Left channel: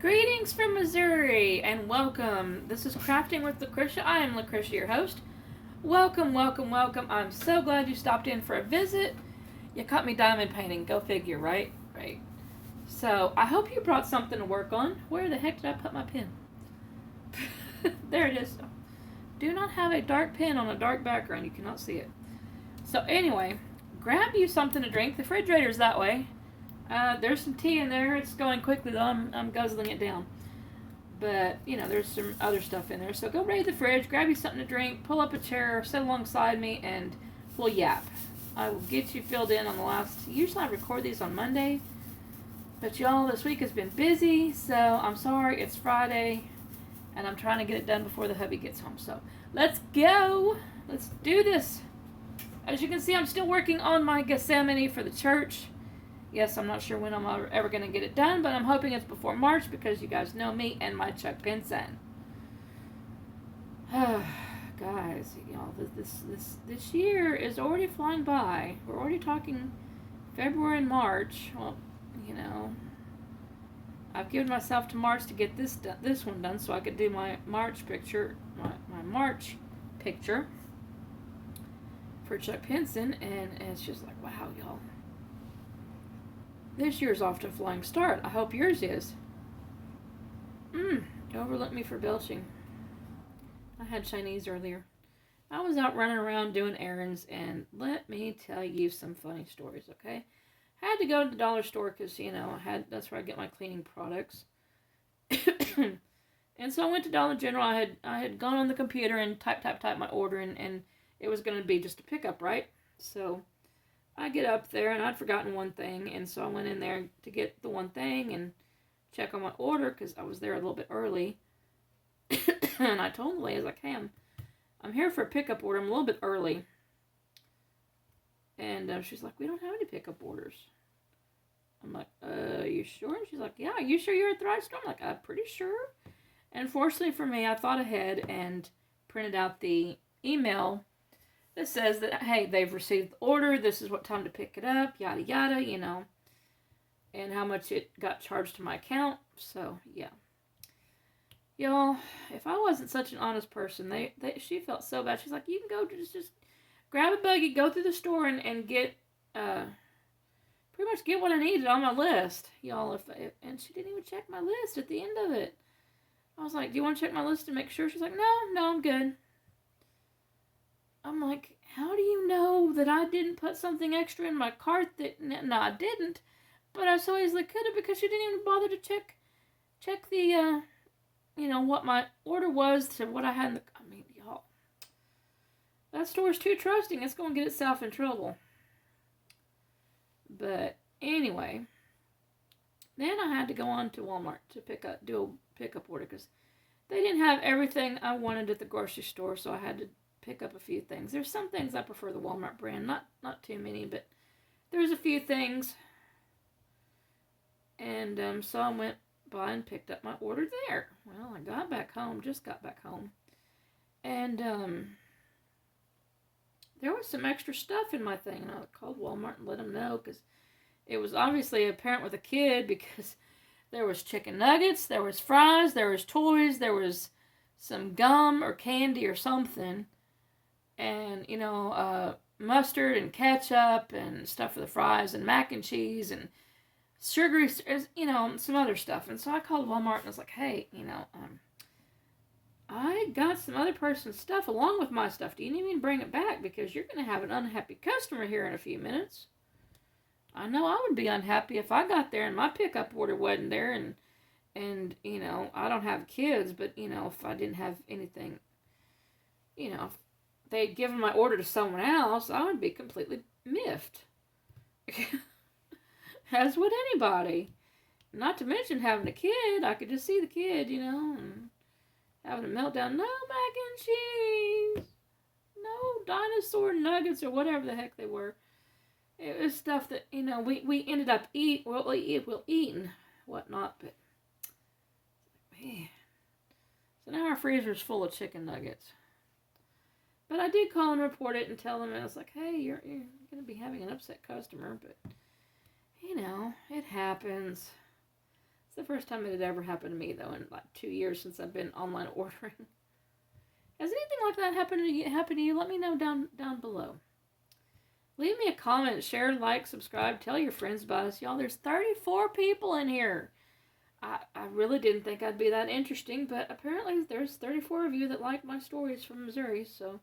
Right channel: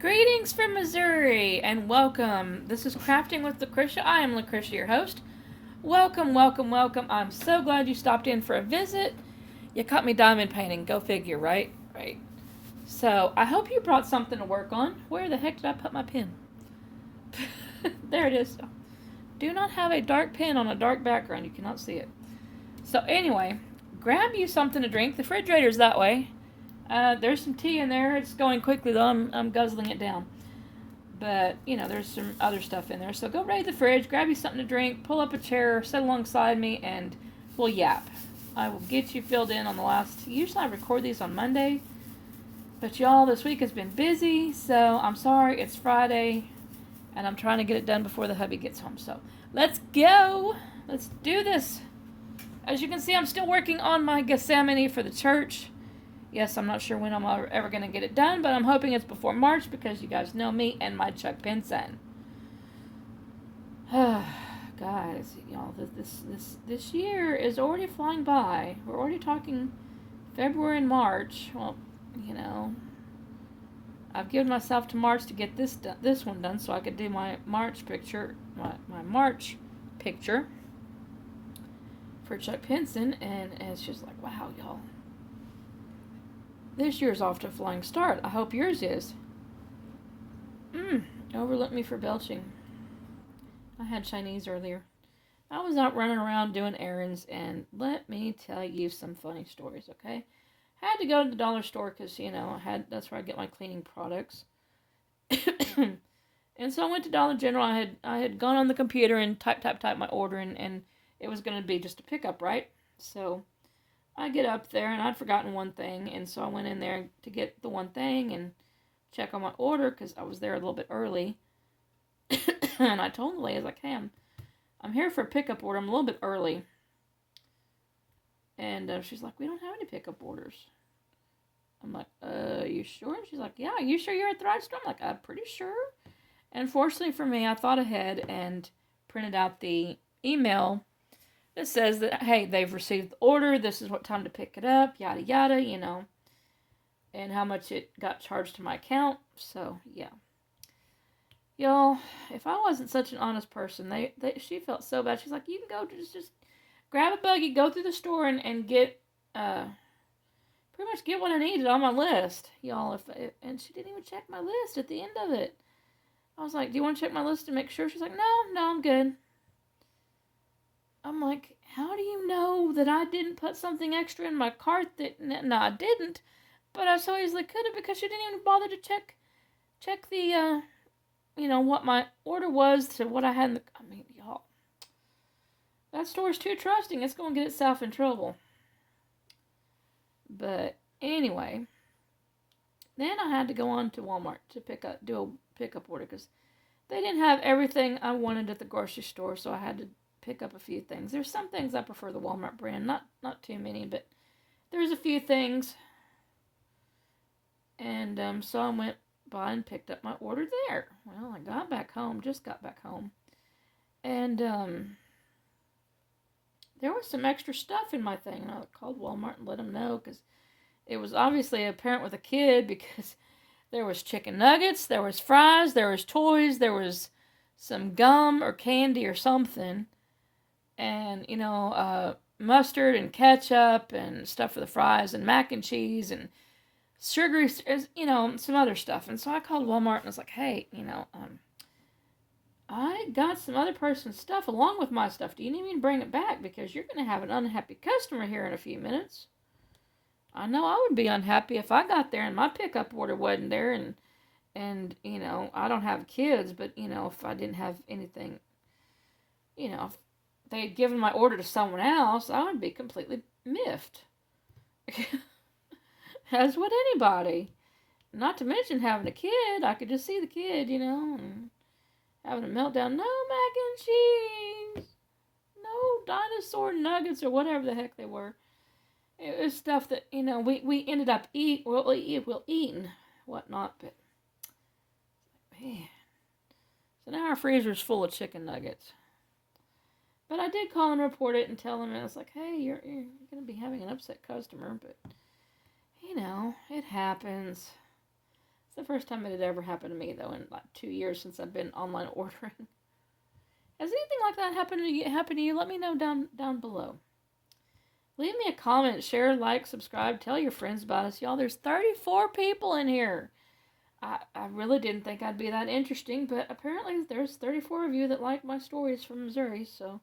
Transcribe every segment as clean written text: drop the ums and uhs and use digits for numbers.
Greetings from Missouri and welcome. This is Crafting with Lucretia. I am Lucretia, your host. Welcome, welcome, welcome. I'm so glad you stopped in for a visit. You caught me diamond painting. Go figure, right? Right. So, I hope you brought something to work on. Where the heck did I put my pen? There it is. Do not have a dark pen on a dark background. You cannot see it. So, anyway, grab you something to drink. The refrigerator's that way. There's some tea in there. It's going quickly though. I'm guzzling it down. But, there's some other stuff in there. So go raid the fridge, grab you something to drink, pull up a chair, sit alongside me, and we'll yap. I will get you filled in on the last. Usually I record these on Monday. But y'all, this week has been busy. So I'm sorry. It's Friday. And I'm trying to get it done before the hubby gets home. So let's go. Let's do this. As you can see, I'm still working on my Gethsemane for the church. Yes, I'm not sure when I'm ever going to get it done, but I'm hoping it's before March because you guys know me and my Chuck Pinson. Guys, y'all, this year is already flying by. We're already talking February and March. Well, I've given myself to March to get this one done so I could do my March picture, my March picture for Chuck Pinson, and it's just like, wow, y'all. This year's off to a flying start. I hope yours is. Overlook me for belching. I had Chinese earlier. I was out running around doing errands, and let me tell you some funny stories, okay? I had to go to the dollar store because, that's where I get my cleaning products. And so I went to Dollar General. I had gone on the computer and typed my order, and it was going to be just a pickup, right? So I get up there and I'd forgotten one thing, and so I went in there to get the one thing and check on my order because I was there a little bit early. And I told the lady, I was like, hey, I'm here for a pickup order. I'm a little bit early. And she's like, we don't have any pickup orders. I'm like, you sure? And she's like, yeah, you sure you're at the right store? I'm like, I'm pretty sure. And fortunately for me, I thought ahead and printed out the email. It says that, hey, they've received the order, this is what time to pick it up, yada yada, and how much it got charged to my account. So, yeah. Y'all, if I wasn't such an honest person, she felt so bad. She's like, you can go just grab a buggy, go through the store, and get, pretty much get what I needed on my list. Y'all, and she didn't even check my list at the end of it. I was like, do you want to check my list to make sure? She's like, no, I'm good. I'm like, how do you know that I didn't put something extra in my cart that, no, I didn't, but I so easily could have because she didn't even bother to check the, what my order was to what I had in the, y'all, that store's too trusting. It's going to get itself in trouble. But anyway, then I had to go on to Walmart to do a pickup order because they didn't have everything I wanted at the grocery store, so I had to pick up a few things. There's some things I prefer the Walmart brand, not too many, but there's a few things. And so I went by and picked up my order there. Well, I got back home, and there was some extra stuff in my thing, and I called Walmart and let them know because it was obviously a parent with a kid because there was chicken nuggets, there was fries, there was toys, there was some gum or candy or something, and mustard and ketchup and stuff for the fries and mac and cheese and sugary, some other stuff. And so I called Walmart and I was like, hey, I got some other person's stuff along with my stuff. Do you need me to bring it back? Because you're going to have an unhappy customer here in a few minutes. I know I would be unhappy if I got there and my pickup order wasn't there, and I don't have kids, but if I didn't have anything, if they'd given my order to someone else, I would be completely miffed. As would anybody. Not to mention having a kid. I could just see the kid, and having a meltdown. No mac and cheese. No dinosaur nuggets or whatever the heck they were. It was stuff that, we ended up we'll eat and whatnot, but man. So now our freezer's full of chicken nuggets. But I did call and report it and tell him, and I was like, hey, you're going to be having an upset customer, but, it happens. the first time it had ever happened to me, though, in like 2 years since I've been online ordering. Has anything like that happened to you? Let me know down below. Leave me a comment, share, like, subscribe, tell your friends about us. Y'all, there's 34 people in here. I really didn't think I'd be that interesting, but apparently there's 34 of you that like my stories from Missouri, so,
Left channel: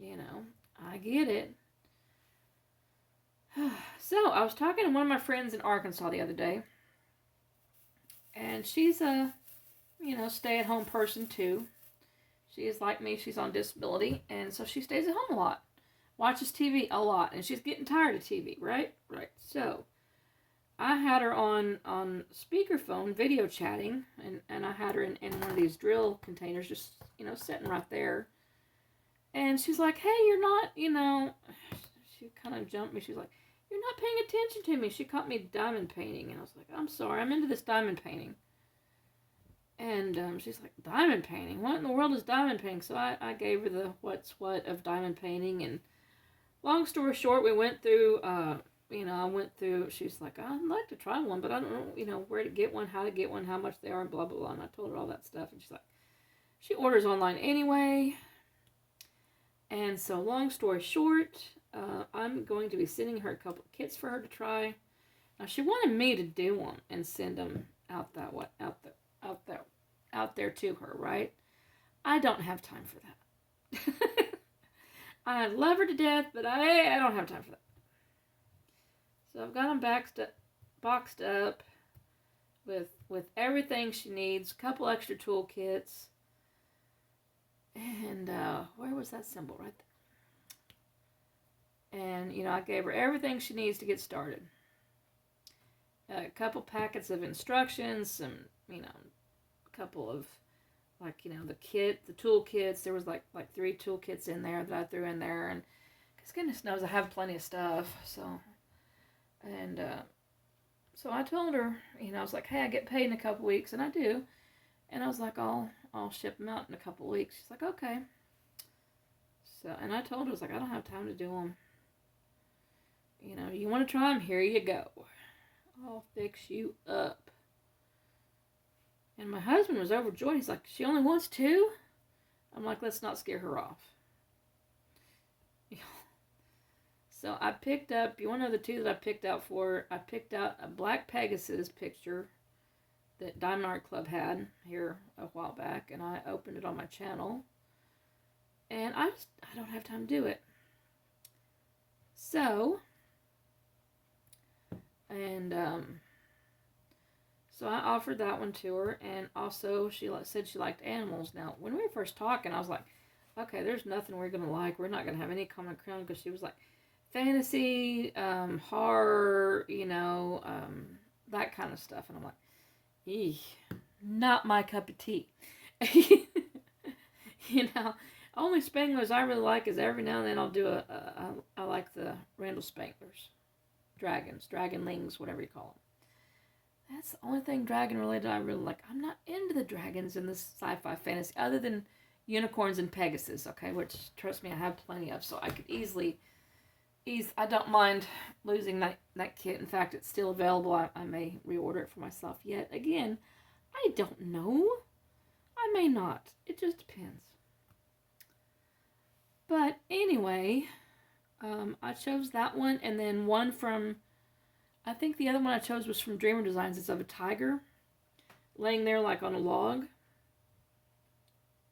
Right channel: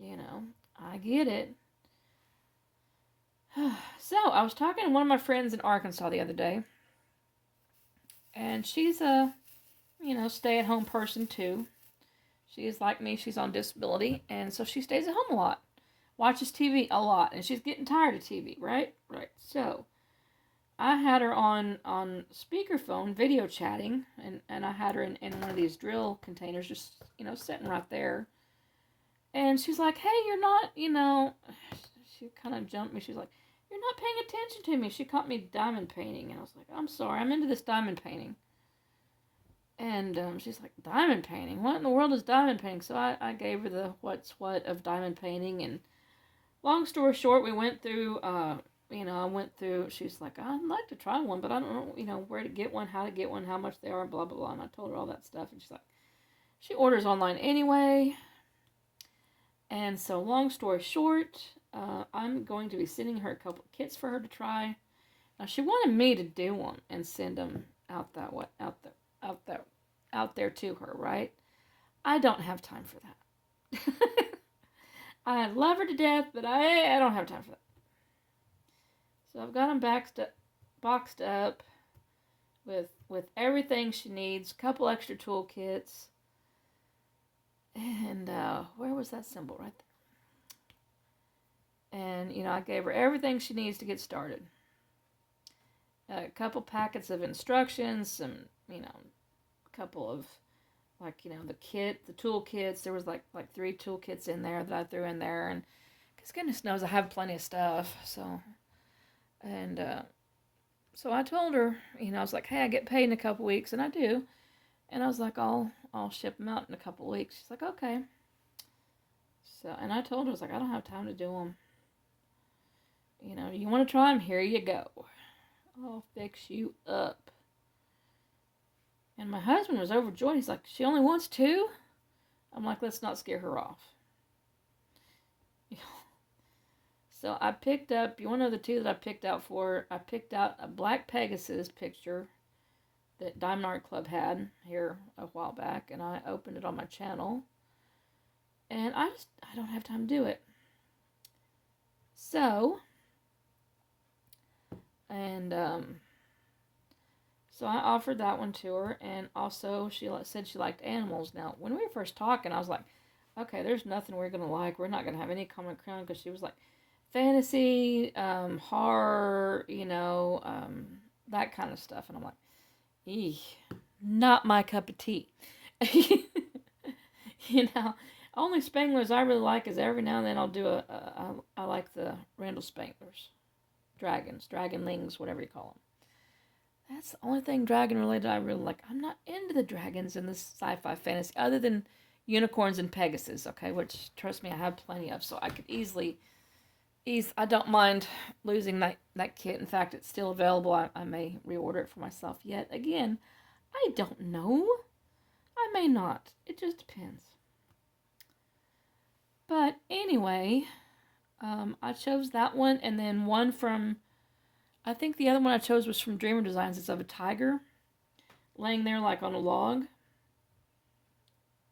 I get it. So, I was talking to one of my friends in Arkansas the other day, and she's a, stay-at-home person too. She's like me, she's on disability, and so she stays at home a lot, watches TV a lot, and she's getting tired of TV, right? Right. So, I had her on speakerphone, video chatting, and I had her in one of these drill containers, just, sitting right there. And she's like, hey, you're not, she kind of jumped me. She's like, you're not paying attention to me. She caught me diamond painting. And I was like, I'm sorry, I'm into this diamond painting. And she's like, diamond painting? What in the world is diamond painting? So I gave her the what's what of diamond painting. And long story short, we went through, she's like, I'd like to try one, but I don't know, where to get one, how to get one, how much they are, blah, blah, blah. And I told her all that stuff. And she's like, she orders online anyway. And so long story short, I'm going to be sending her a couple of kits for her to try. Now, she wanted me to do them and send them out there to her, right? I don't have time for that. I love her to death, but I don't have time for that. So I've got them boxed up with everything she needs, a couple extra toolkits, and where was that symbol right there? And I gave her everything she needs to get started. A couple packets of instructions, some a couple of the toolkits. There was like 3 toolkits in there that I threw in there, and because goodness knows I have plenty of stuff, so. And so I told her, I was like, hey, I get paid in a couple weeks, and I do. And I was like, I'll ship them out in a couple weeks. She's like, okay. So, and I told her, I was like, I don't have time to do them. You want to try them? Here you go. I'll fix you up. And my husband was overjoyed. He's like, she only wants 2? I'm like, let's not scare her off. So I picked up, you want to know the 2 that I picked out for? I picked out a black Pegasus picture that Diamond Art Club had here a while back, and I opened it on my channel. And I don't have time to do it. So, so I offered that one to her, and also she said she liked animals. Now, when we were first talking, I was like, okay, there's nothing we're going to like. We're not going to have any common ground, because she was like, fantasy, horror, that kind of stuff. And I'm like, not my cup of tea. Only Spanglers I really like is every now and then I'll do I like the Randall Spanglers. Dragonlings, whatever you call them. That's the only thing dragon related I really like. I'm not into the dragons in this sci-fi fantasy, other than unicorns and Pegasus, okay? Which, trust me, I have plenty of, so I could easily, I don't mind losing that kit. In fact, it's still available. I may reorder it for myself yet. Again, I don't know. I may not. It just depends. But anyway, I chose that one, and then one from, I think the other one I chose was from Dreamer Designs. It's of a tiger laying there like on a log.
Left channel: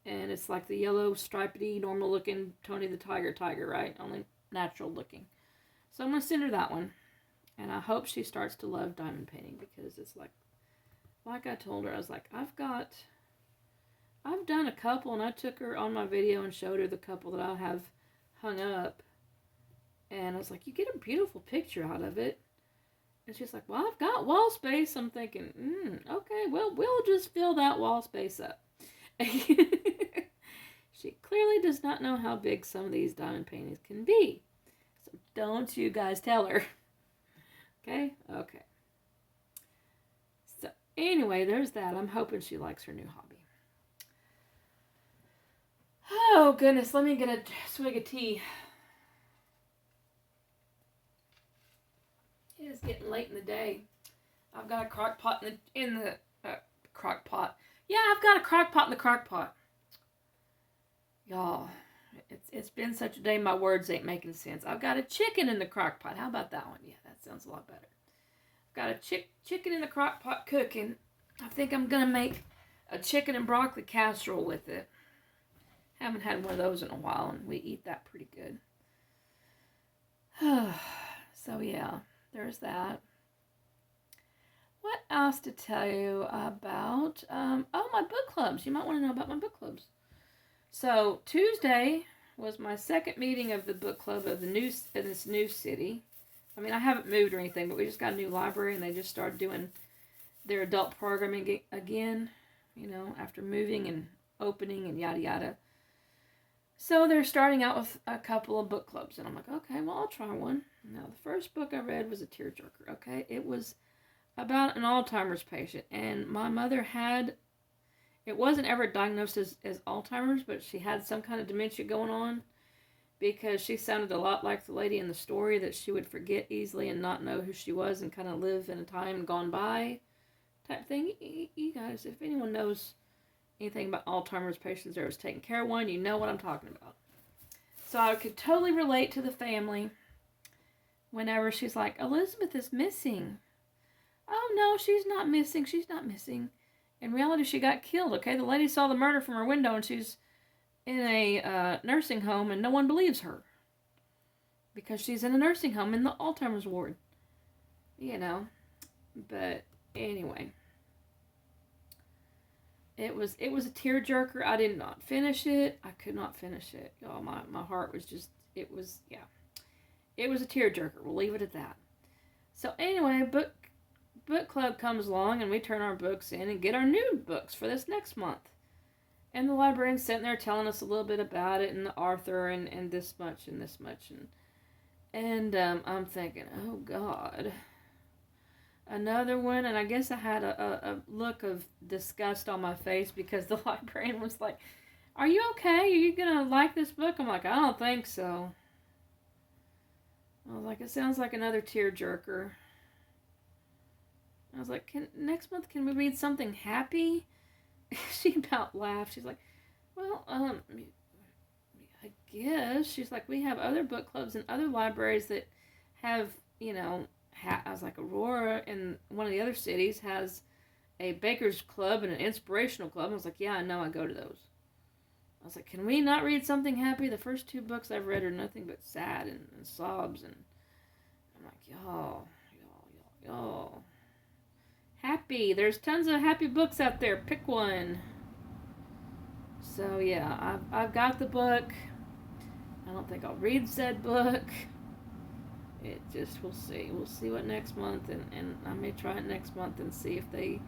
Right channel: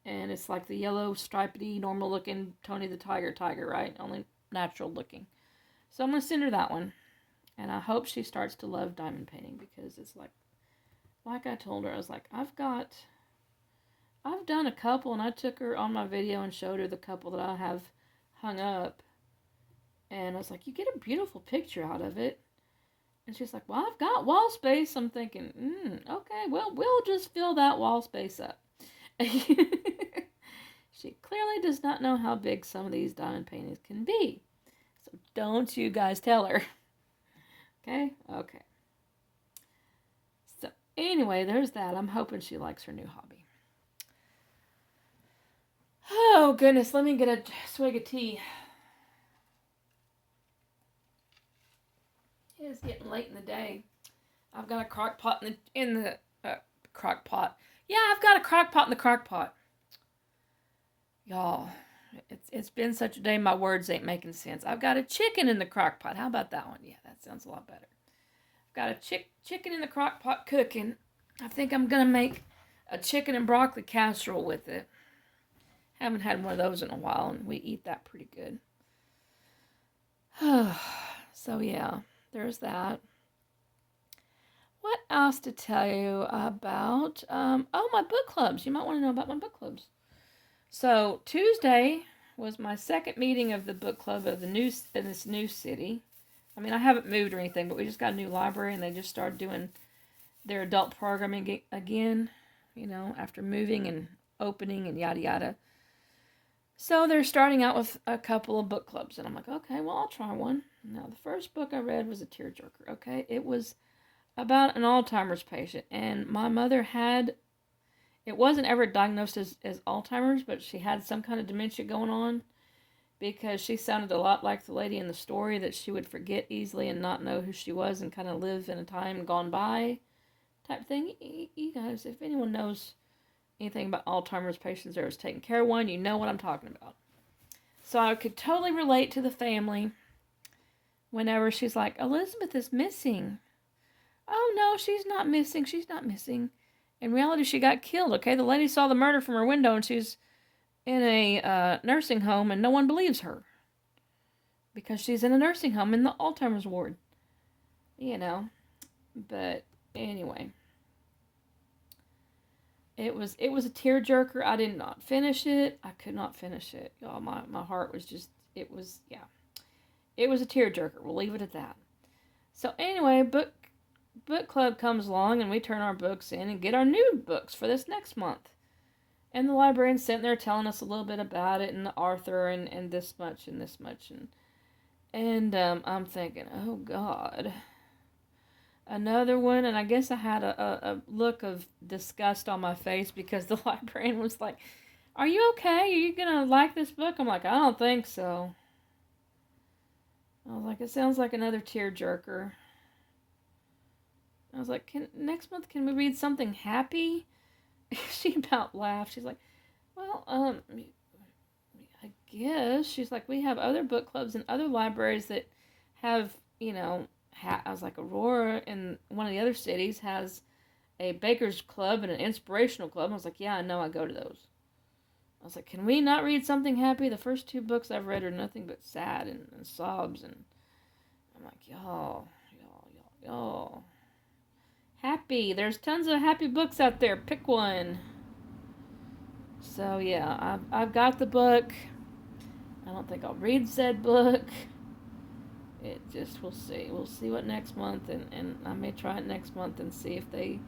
And it's like the yellow, stripedy, normal looking Tony the Tiger, right? Only natural looking. So I'm going to send her that one. And I hope she starts to love diamond painting, because it's like I told her, I was like, I've done a couple, and I took her on my video and showed her the couple that I have hung up. And I was like, you get a beautiful picture out of it. And she's like, well, I've got wall space. I'm thinking, okay, well, we'll just fill that wall space up. She clearly does not know how big some of these diamond paintings can be. So don't you guys tell her. Okay? Okay. So anyway, there's that. I'm hoping she likes her new hobby. Oh, goodness. Let me get a swig of tea. It is getting late in the day. I've got a crock pot in the crock pot. Yeah, I've got a crock pot in the crock pot. Y'all, it's been such a day. My words ain't making sense. I've got a chicken in the crock pot. How about that one? Yeah, that sounds a lot better. I've got a chicken in the crock pot cooking. I think I'm gonna make a chicken and broccoli casserole with it. Haven't had one of those in a while, and we eat that pretty good. So yeah, there's that. What else to tell you about? My book clubs. You might want to know about my book clubs. So Tuesday was my second meeting of the book club of in this new city. I mean, I haven't moved or anything, but we just got a new library, and they just started doing their adult programming again. After moving and opening and yada yada. So they're starting out with a couple of book clubs, and I'm like, okay, well, I'll try one. Now, the first book I read was a tearjerker. Okay, it was about an Alzheimer's patient, and my mother it wasn't ever diagnosed as Alzheimer's, but she had some kind of dementia going on, because she sounded a lot like the lady in the story, that she would forget easily and not know who she was and kind of live in a time gone by type thing. You guys, if anyone knows anything about Alzheimer's patients or has taken care of one, you know what I'm talking about. So I could totally relate to the family whenever she's like, Elizabeth is missing. Oh, no, she's not missing. She's not missing. In reality, she got killed, okay? The lady saw the murder from her window, and she's in a nursing home, and no one believes her. Because she's in a nursing home in the Alzheimer's ward. But anyway. It was a tearjerker. I did not finish it. I could not finish it. Y'all, my heart was just, it was a tearjerker. We'll leave it at that. So anyway, book club comes along, and we turn our books in and get our new books for this next month. And the librarian's sitting there telling us a little bit about it, and the author, and this much and this much. And I'm thinking, oh God, another one. And I guess I had a look of disgust on my face, because the librarian was like, are you okay? Are you gonna like this book? I'm like, I don't think so. I was like, it sounds like another tearjerker. I was like, next month can we read something happy? She about laughed. She's like, well, I guess. She's like, we have other book clubs and other libraries that have, I was like, Aurora in one of the other cities has a baker's club and an inspirational club. I was like, yeah, I know, I go to those. I was like, can we not read something happy? The first two books I've read are nothing but sad and sobs. And I'm like, y'all. Happy. There's tons of happy books out there. Pick one. So yeah, I've got the book. I don't think I'll read said book. It just, we'll see. We'll see what next month, and I may try it next month and see if they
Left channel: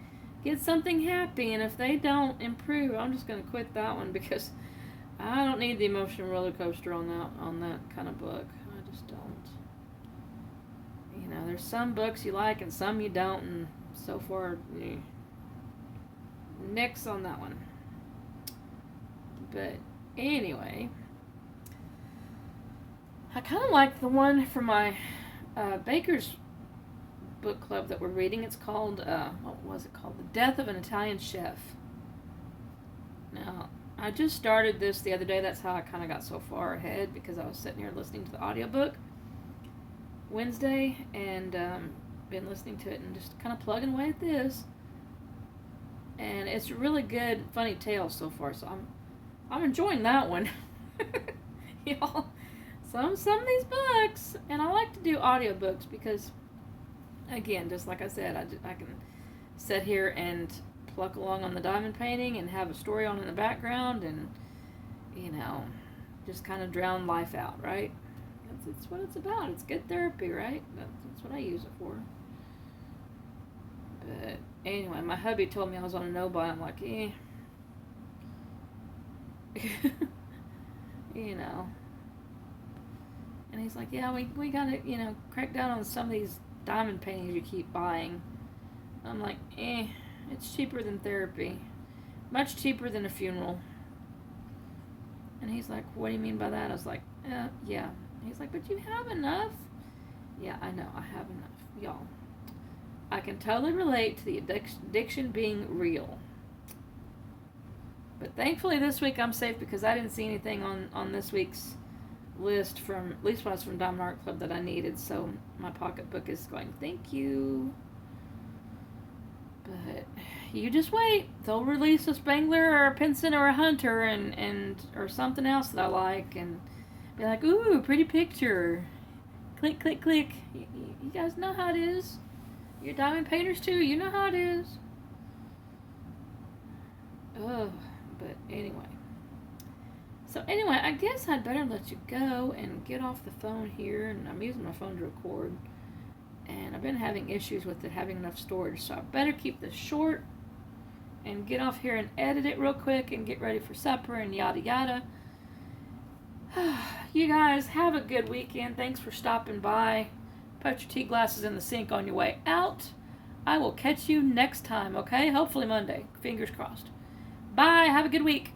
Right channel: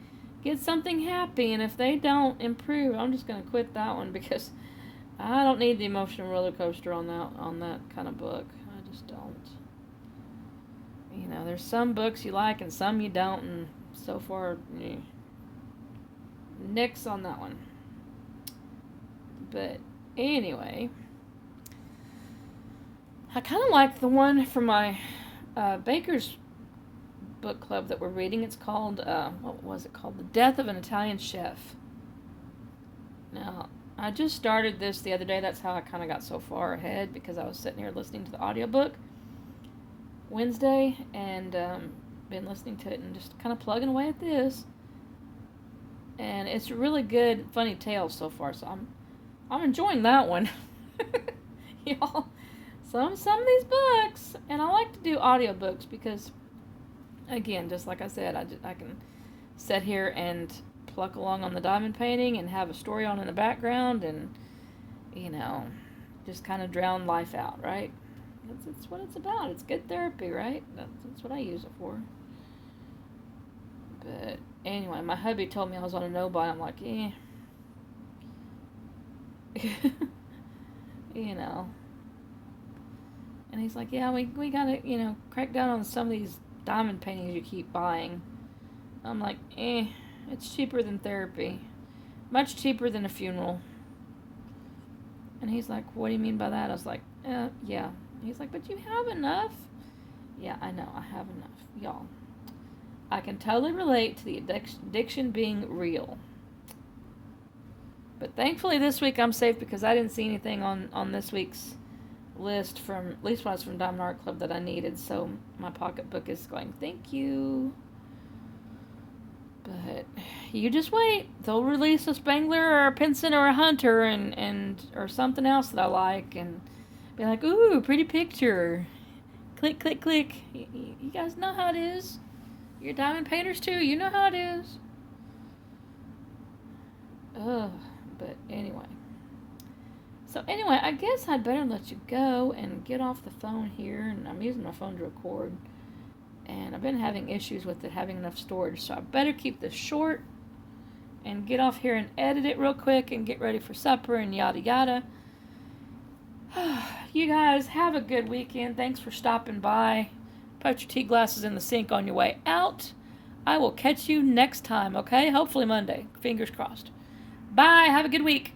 get something happy. And if they don't improve, I'm just going to quit that one, because I don't need the emotional roller coaster on that kind of book. I just don't. There's some books you like and some you don't, and so far, nix on that one. But anyway, I kind of like the one from my Baker's book club that we're reading. It's called, what was it called? The Death of an Italian Chef. Now, I just started this the other day. That's how I kind of got so far ahead, because I was sitting here listening to the audiobook Wednesday, and been listening to it and just kind of plugging away at this. And it's a really good, funny tale so far, so I'm enjoying that one. Y'all, some of these books, and I like to do audiobooks because, again, just like I said, I can sit here and pluck along on the diamond painting and have a story on in the background, and just kind of drown life out, right? That's what it's about. It's good therapy, right? That's what I use it for. But anyway, my hubby told me I was on a no-buy. I'm like, And he's like, yeah, we gotta, crack down on some of these diamond paintings you keep buying. I'm like, it's cheaper than therapy. Much cheaper than a funeral. And he's like, what do you mean by that? I was like, yeah. He's like, but you have enough. Yeah, I know, I have enough, y'all. I can totally relate to the addiction being real. But thankfully this week I'm safe because I didn't see anything on this week's list from, at least was from Diamond Art Club, that I needed. So my pocketbook is going, thank you. But you just wait. They'll release a Spangler or a Pinson or a Hunter and or something else that I like and be like, ooh, pretty picture. Click, click, click. You guys know how it is. You're diamond painters too. You know how it is. Oh, but anyway. So anyway, I guess I'd better let you go and get off the phone here. And I'm using my phone to record. And I've been having issues with it having enough storage. So I better keep this short and get off here and edit it real quick and get ready for supper and yada yada. You guys have a good weekend. Thanks for stopping by. Put your tea glasses in the sink on your way out. I will catch you next time, okay? Hopefully Monday. Fingers crossed. Bye. Have a good week.